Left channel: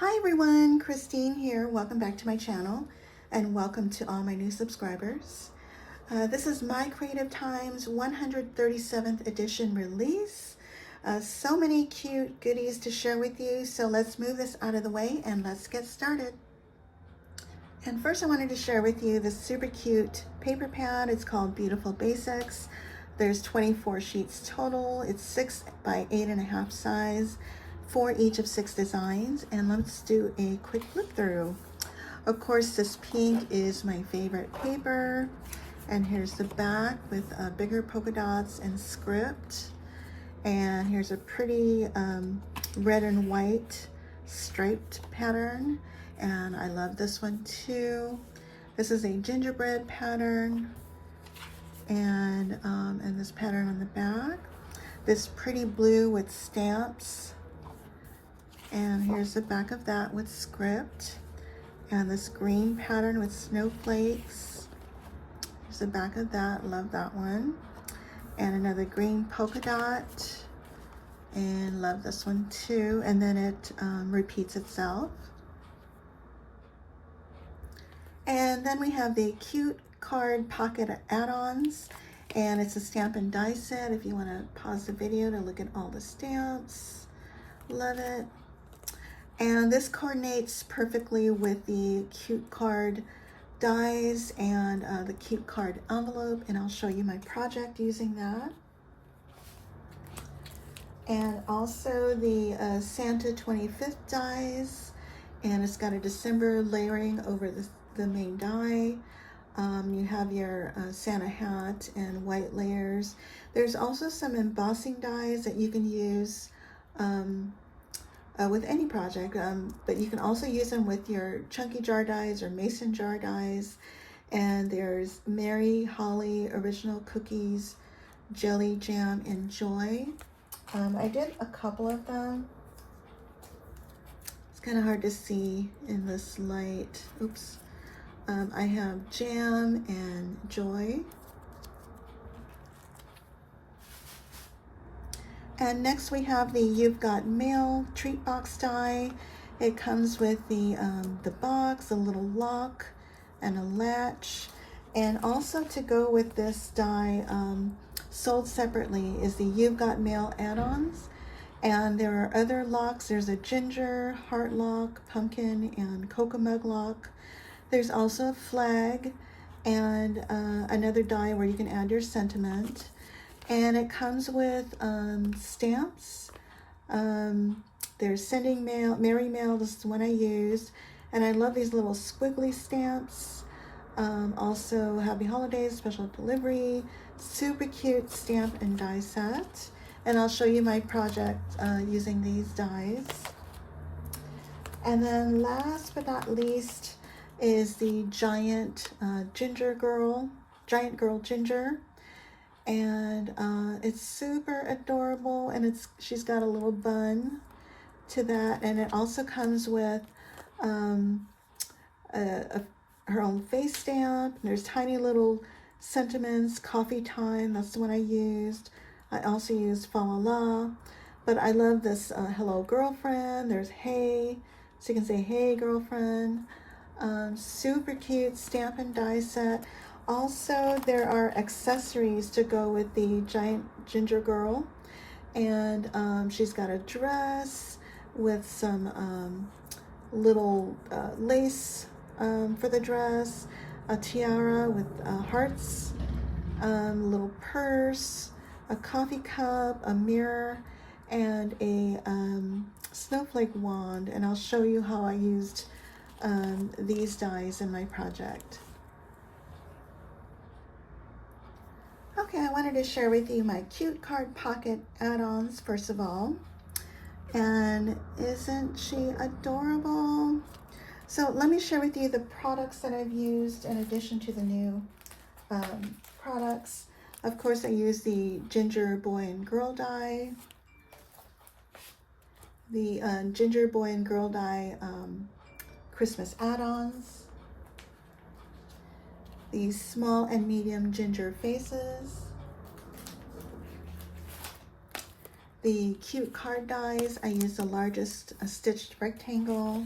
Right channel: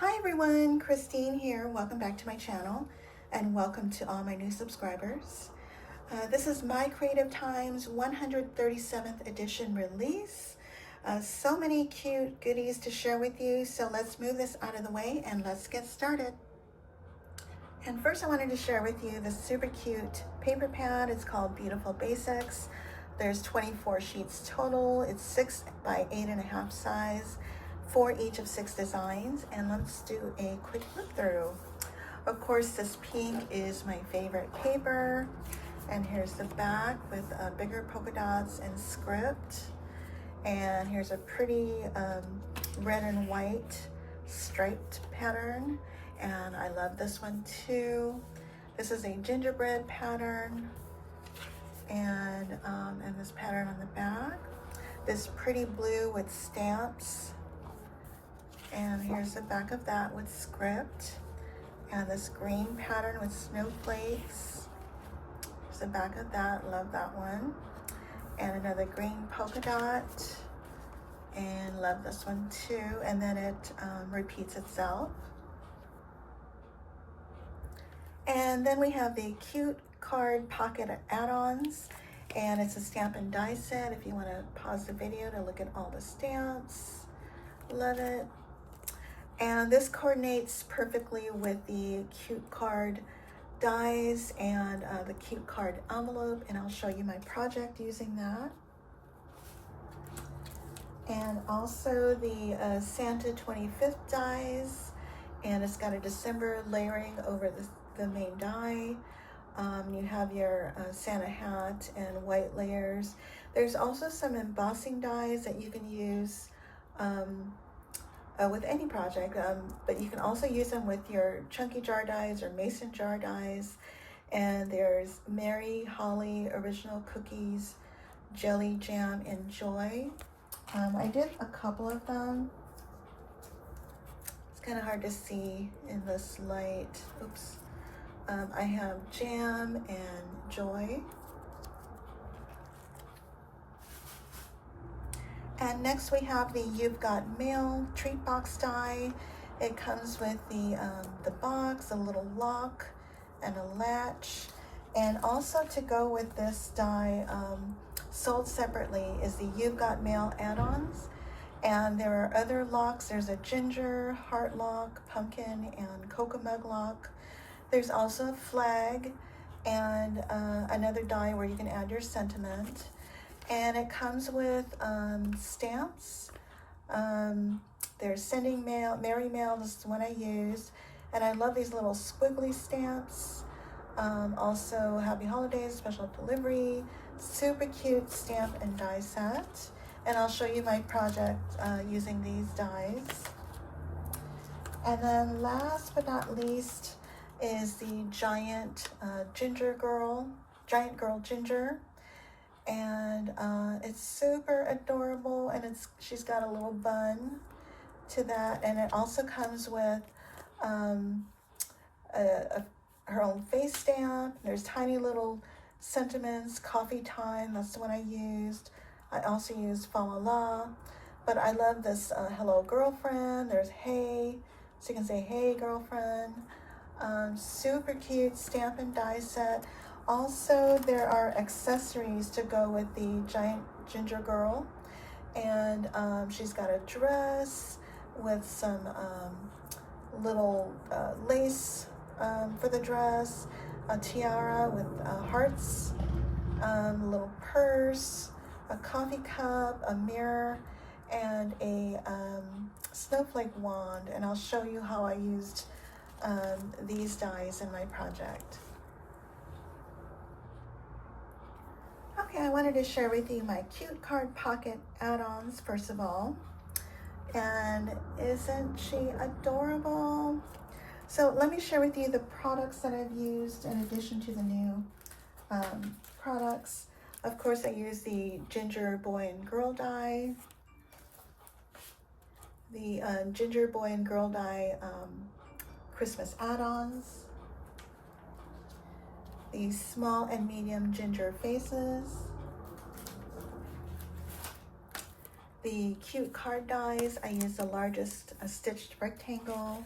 Hi everyone, Christine here. Welcome back to my channel and welcome to all my new subscribers. This is My Creative Time's 137th edition release. So many cute goodies to share with you, so let's move this out of the way and let's get started. And first I wanted to share with you this super cute paper pad. It's called Beautiful Basics. There's 24 sheets total. It's 6 by 8.5 size for each of 6 designs, and let's do a quick flip through. Of course, this pink is my favorite paper, and here's the back with bigger polka dots and script, and here's a pretty red and white striped pattern, and I love this one too. This is a gingerbread pattern, and this pattern on the back, this pretty blue with stamps. And here's the back of that with script, and this green pattern with snowflakes. Here's the back of that, love that one. And another green polka dot, and love this one too. And then it repeats itself. And then we have the cute card pocket add-ons, and it's a stamp and die set if you want to pause the video to look at all the stamps. Love it. And this coordinates perfectly with the cute card dies and the cute card envelope, and I'll show you my project using that. And also the Santa 25th dies, and it's got a December layering over the main die. You have your Santa hat and white layers. There's also some embossing dies that you can use with any project, but you can also use them with your chunky jar dies or mason jar dies. And there's Mary, Holly, Original Cookies, Jelly, Jam, and Joy. I did a couple of them. It's kind of hard to see in this light. Oops. I have Jam and Joy. And next we have the You've Got Mail Treatbox die. It comes with the box, a little lock, and a latch. And also to go with this die, sold separately, is the You've Got Mail add-ons. And there are other locks. There's a ginger, heart lock, pumpkin, and cocoa mug lock. There's also a flag and another die where you can add your sentiment. And it comes with stamps. There's Sending Mail, Merry Mail, this is the one I used. And I love these little squiggly stamps. Also, Happy Holidays, Special Delivery, super cute stamp and die set. And I'll show you my project using these dies. And then last but not least is the Giant Girl Ginger. And it's super adorable, and she's got a little bun to that, and it also comes with her own face stamp. There's tiny little sentiments, coffee time, that's the one I used. I also used fa la la, but I love this hello girlfriend. There's hey, so you can say hey girlfriend. Super cute stamp and die set. Also, there are accessories to go with the Giant Ginger Girl, and she's got a dress with some little lace for the dress, a tiara with hearts, a little purse, a coffee cup, a mirror, and a snowflake wand. And I'll show you how I used these dies in my project. Okay, I wanted to share with you my cute card pocket add-ons first of all. And isn't she adorable? So let me share with you the products that I've used in addition to the new products. Of course, I used the Ginger Boy and Girl die, the Ginger Boy and Girl die Christmas add-ons, these small and medium ginger faces, the cute card dies, I use the largest stitched rectangle.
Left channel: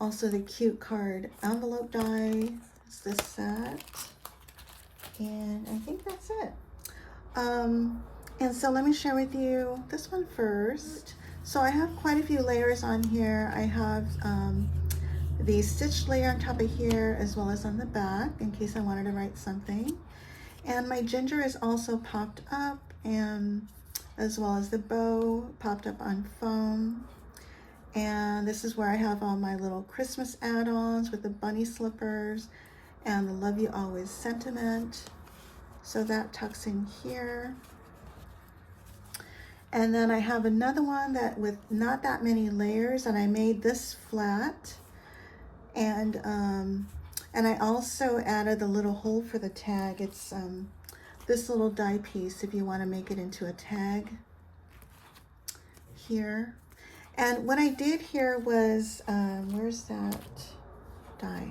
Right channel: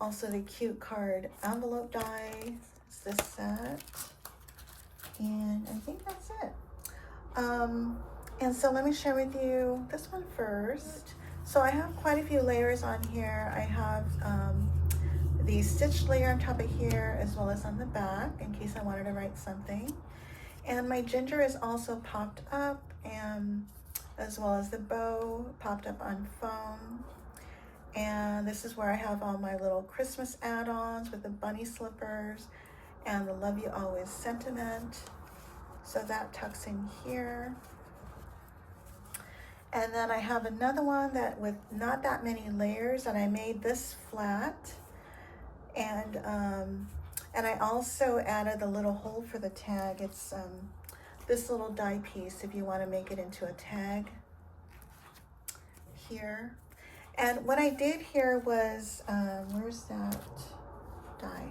Also the cute card envelope die, it's this set. And I think that's it. And so let me share with you this one first. So I have quite a few layers on here. I have the stitched layer on top of here as well as on the back in case I wanted to write something. And my ginger is also popped up, and as well as the bow popped up on foam. And this is where I have all my little Christmas add-ons with the bunny slippers and the love you always sentiment. So that tucks in here. And then I have another one that with not that many layers, and I made this flat. And I also added the little hole for the tag. It's this little die piece if you want to make it into a tag here. And what I did here was, where's that die?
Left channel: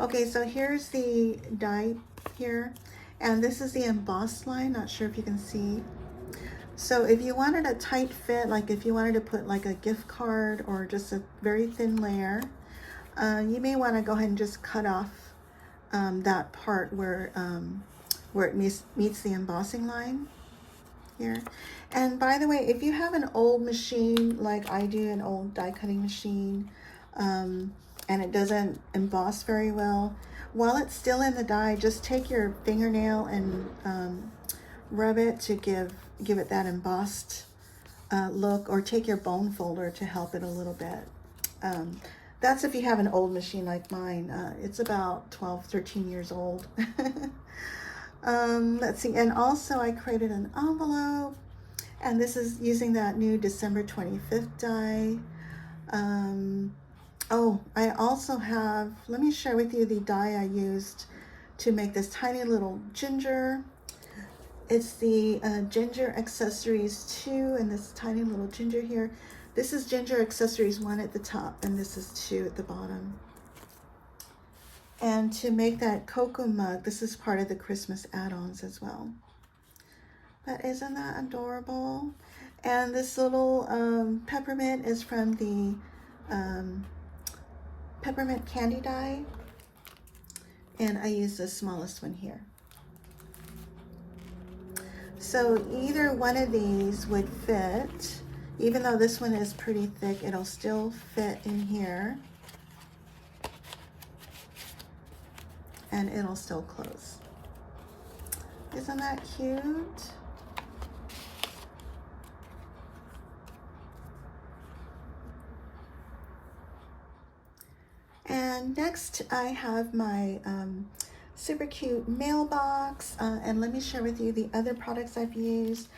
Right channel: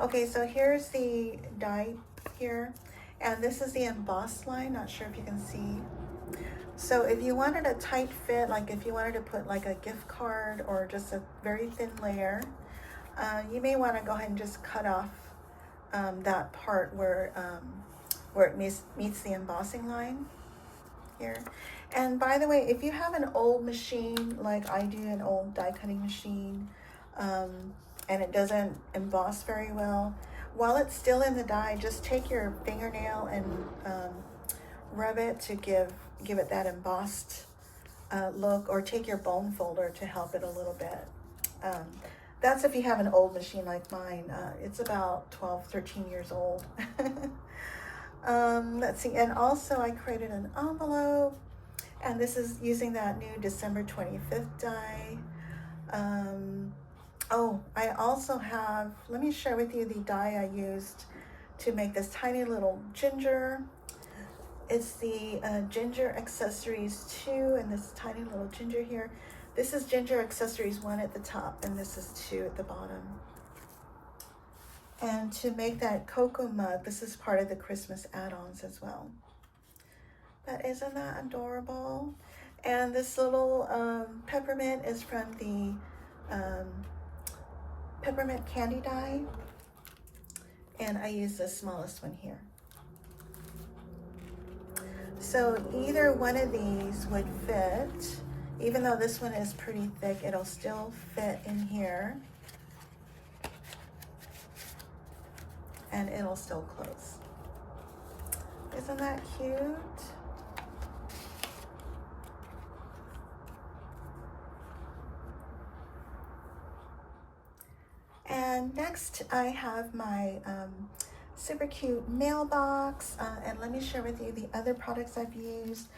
Okay, so here's the die here. And this is the embossed line, not sure if you can see. So if you wanted a tight fit, like if you wanted to put like a gift card or just a very thin layer, you may want to go ahead and just cut off that part where it meets the embossing line here. And by the way, if you have an old machine, like I do, an old die cutting machine, and it doesn't emboss very well, while it's still in the die, just take your fingernail and rub it to give it that embossed look, or take your bone folder to help it a little bit. That's if you have an old machine like mine. It's about 12, 13 years old. Let's see, and also I created an envelope, and this is using that new December 25th die. Oh, I also have, let me share with you the die I used to make this tiny little ginger. It's the Ginger Accessories 2, and this tiny little ginger here. This is Ginger Accessories 1 at the top, and this is 2 at the bottom. And to make that cocoa mug, this is part of the Christmas add-ons as well. But isn't that adorable? And this little peppermint is from the Peppermint candy die. And I use the smallest one here. So either one of these would fit. Even though this one is pretty thick, it'll still fit in here. And it'll still close. Isn't that cute? And next I have my super cute mailbox, and let me share with you the other products I've used.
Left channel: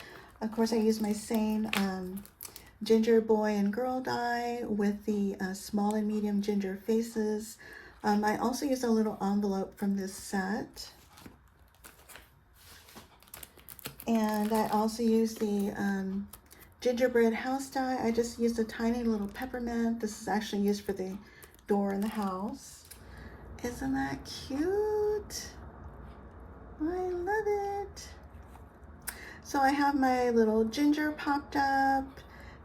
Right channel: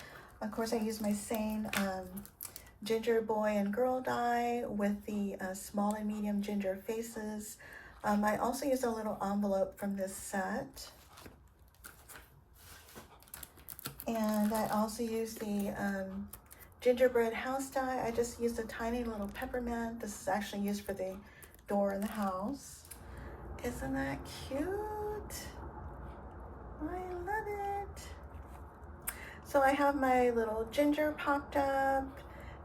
Of course, I use my same ginger boy and girl die with the small and medium ginger faces. I also use a little envelope from this set. And I also use the Gingerbread House Die. I just used a tiny little peppermint. This is actually used for the door in the house. Isn't that cute? I love it. So I have my little ginger popped up,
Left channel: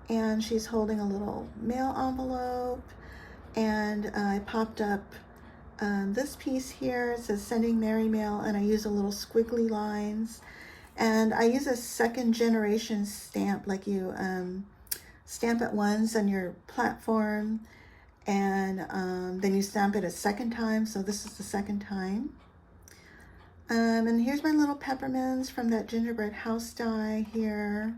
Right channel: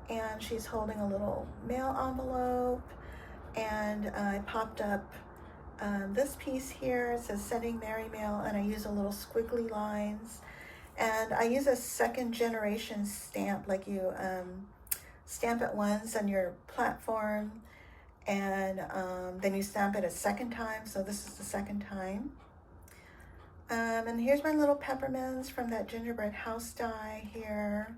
and she's holding a little mail envelope, and I popped up this piece here. It says sending Merry Mail, and I use a little squiggly lines, and I use a second generation stamp, like you stamp it once on your platform, and then you stamp it a second time. So this is the second time. And here's my little peppermints from that Gingerbread House Die here.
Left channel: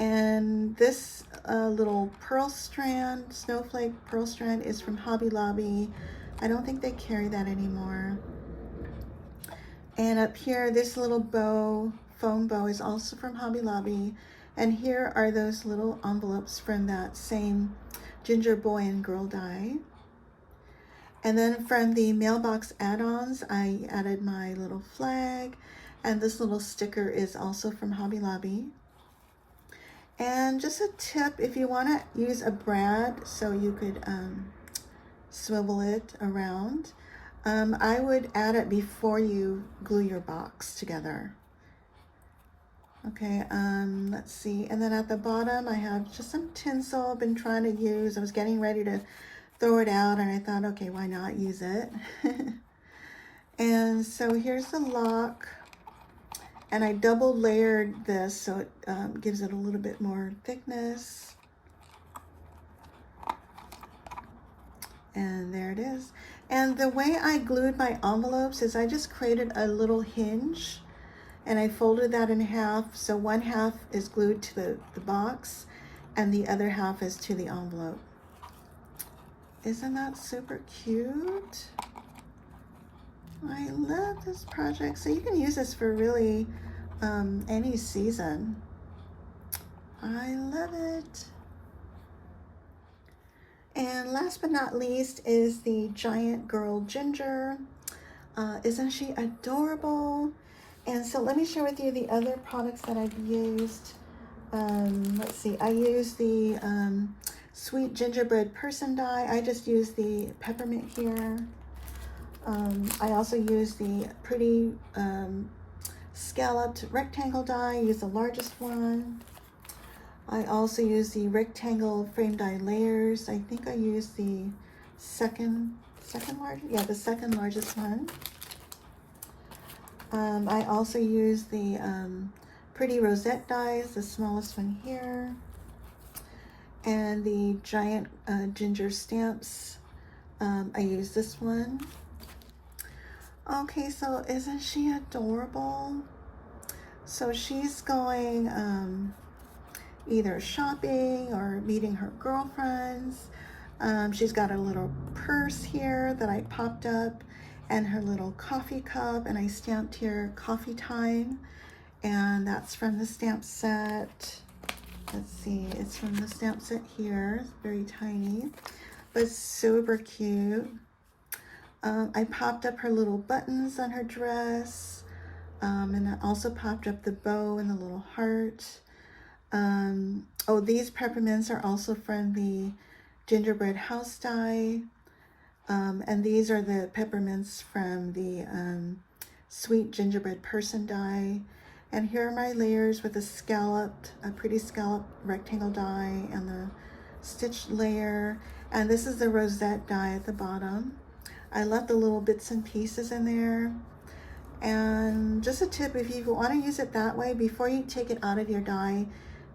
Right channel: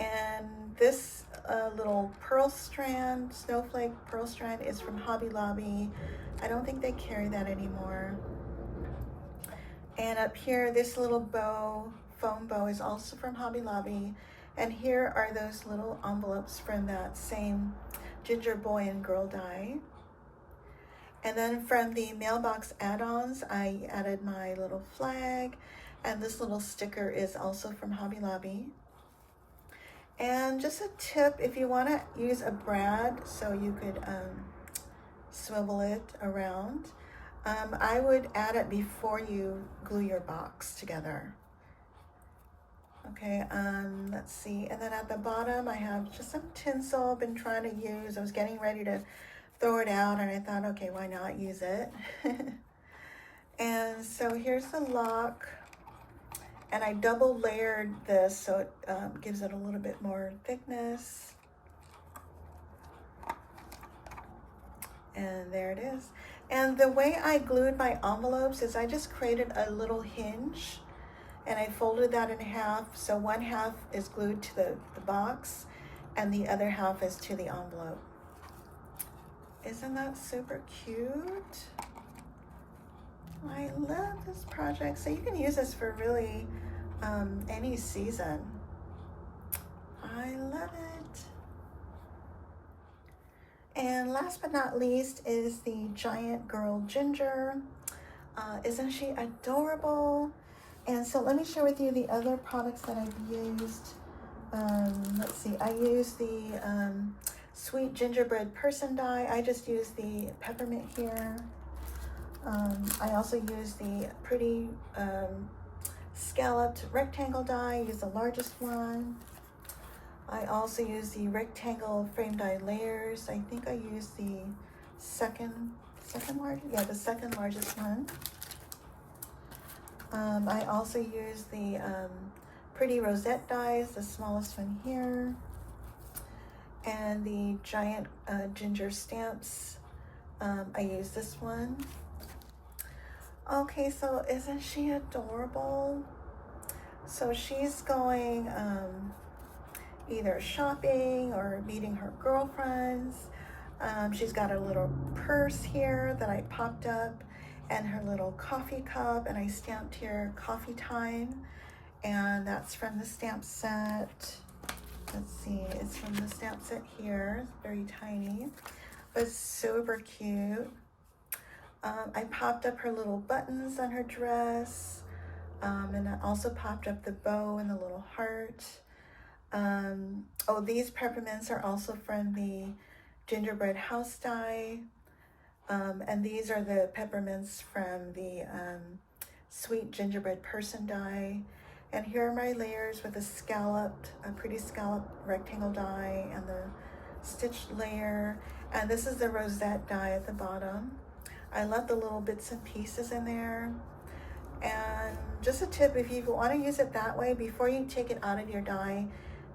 And this little pearl strand, snowflake pearl strand, is from Hobby Lobby. I don't think they carry that anymore. And up here, this little bow, foam bow, is also from Hobby Lobby. And here are those little envelopes from that same ginger boy and girl die. And then from the mailbox add-ons, I added my little flag, and this little sticker is also from Hobby Lobby. And just a tip, if you want to use a brad so you could swivel it around, I would add it before you glue your box together. Okay, let's see. And then at the bottom, I have just some tinsel I've been trying to use. I was getting ready to throw it out, and I thought, okay, why not use it? And so here's the lock. And I double layered this so it gives it a little bit more thickness. And there it is. And the way I glued my envelopes is I just created a little hinge and I folded that in half. So one half is glued to the box and the other half is to the envelope. Isn't that super cute? I love this project. So you can use this for really any season. I love it. And last but not least is the giant girl Ginger. Isn't she adorable? And so let me share with you the other products that I've used. Let's see, I used the Sweet Gingerbread Person Die. I just used the Peppermint here. I also used the pretty Scalloped rectangle die. I used the largest one. I also used the rectangle frame die layers. I think I used the second largest, yeah, the second largest one. I also used the pretty Rosette dies, the smallest one here, and the giant ginger stamps. I used this one. Okay, so isn't she adorable? So she's going either shopping or meeting her girlfriends. She's got a little purse here that I popped up and her little coffee cup, and I stamped here coffee time, and that's from the stamp set. Let's see, it's from the stamp set here. It's very tiny, but super cute. I popped up her little buttons on her dress, and I also popped up the bow and the little heart. Oh, these peppermints are also from the Gingerbread House Die, and these are the peppermints from the Sweet Gingerbread Person Die. And here are my layers with a pretty scalloped rectangle die and the stitched layer. And this is the Rosette die at the bottom. I left the little bits and pieces in there. And just a tip, if you want to use it that way, before you take it out of your die,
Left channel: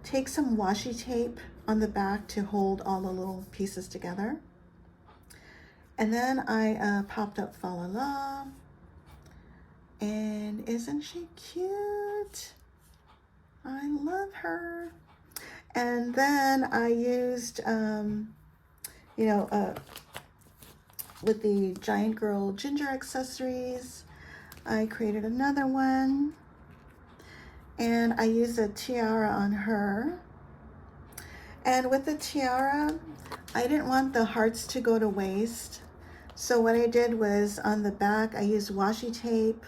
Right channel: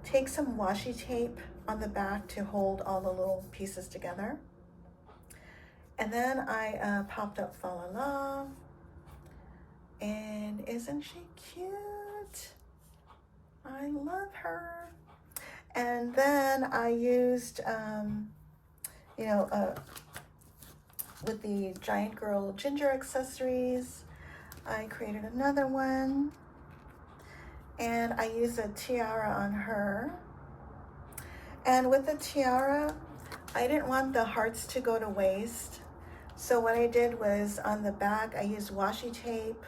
take some washi tape on the back to hold all the little pieces together. And then I popped up Fa La La. And isn't she cute? I love her. And then I used, with the Giant Girl Ginger accessories, I created another one. And I used a tiara on her. And with the tiara, I didn't want the hearts to go to waste. So what I did was on the back, I used washi tape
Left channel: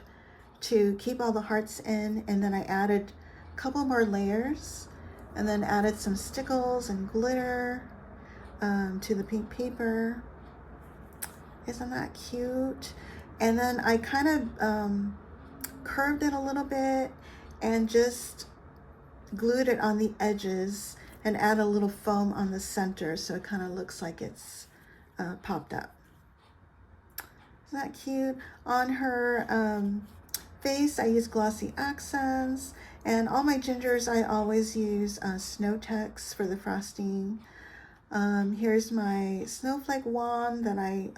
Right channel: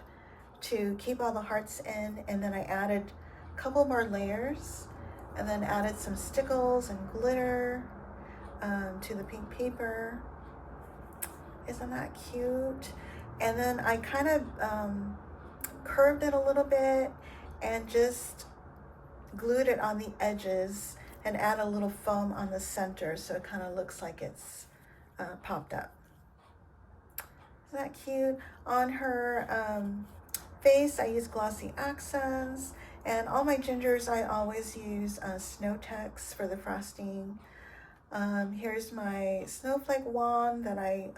to keep all the hearts in, and then I added a couple more layers and then added some stickles and glitter to the pink paper. Isn't that cute? And then I kind of curved it a little bit and just glued it on the edges and add a little foam on the center so it kind of looks like it's popped up. Isn't that cute? On her face, I use glossy accents, and all my gingers I always use Snow Tex for the frosting. Here's my snowflake wand that I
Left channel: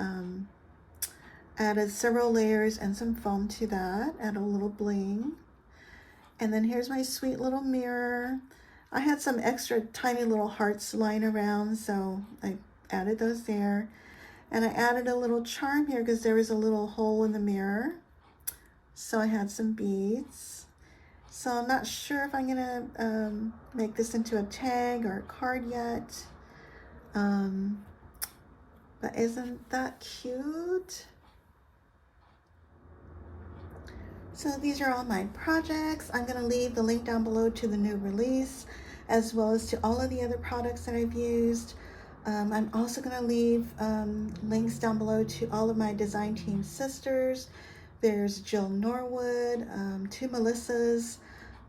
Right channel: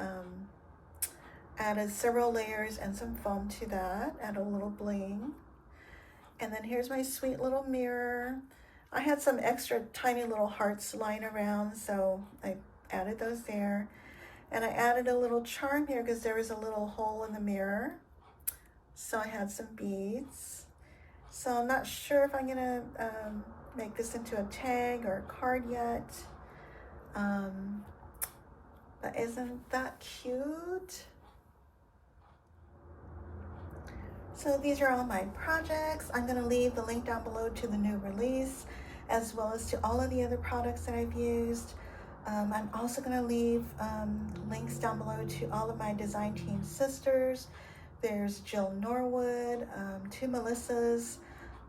added several layers and some foam to that, add a little bling. And then here's my sweet little mirror. I had some extra tiny little hearts lying around, so I added those there. And I added a little charm here because there was a little hole in the mirror. So I had some beads. So I'm not sure if I'm gonna make this into a tag or a card yet. But isn't that cute? So these are all my projects. I'm gonna leave the link down below to the new release, as well as to all of the other products that I've used. I'm also gonna leave links down below to all of my design team sisters. There's Jill Norwood, two Melissas,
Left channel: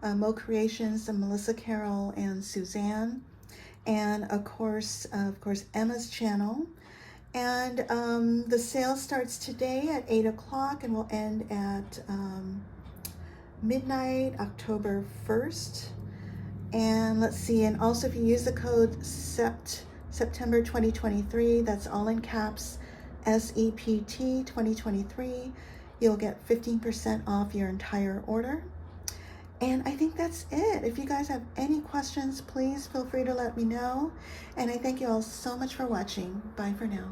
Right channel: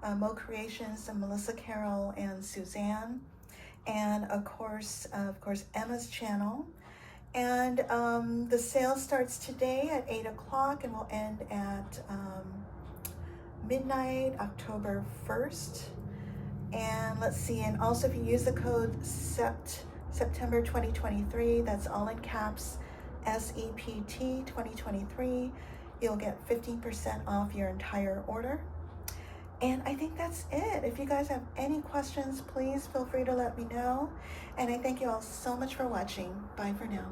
Mo Creations and Melissa Carroll and Suzanne, and of course Emma's channel. And the sale starts today at 8 o'clock and will end at midnight, October 1st. And let's see, and also if you use the code September 2023, that's all in caps, SEPT 2023, you'll get 15% off your entire order. And I think that's it. If you guys have any questions, please feel free to let me know. And I thank you all so much for watching. Bye for now.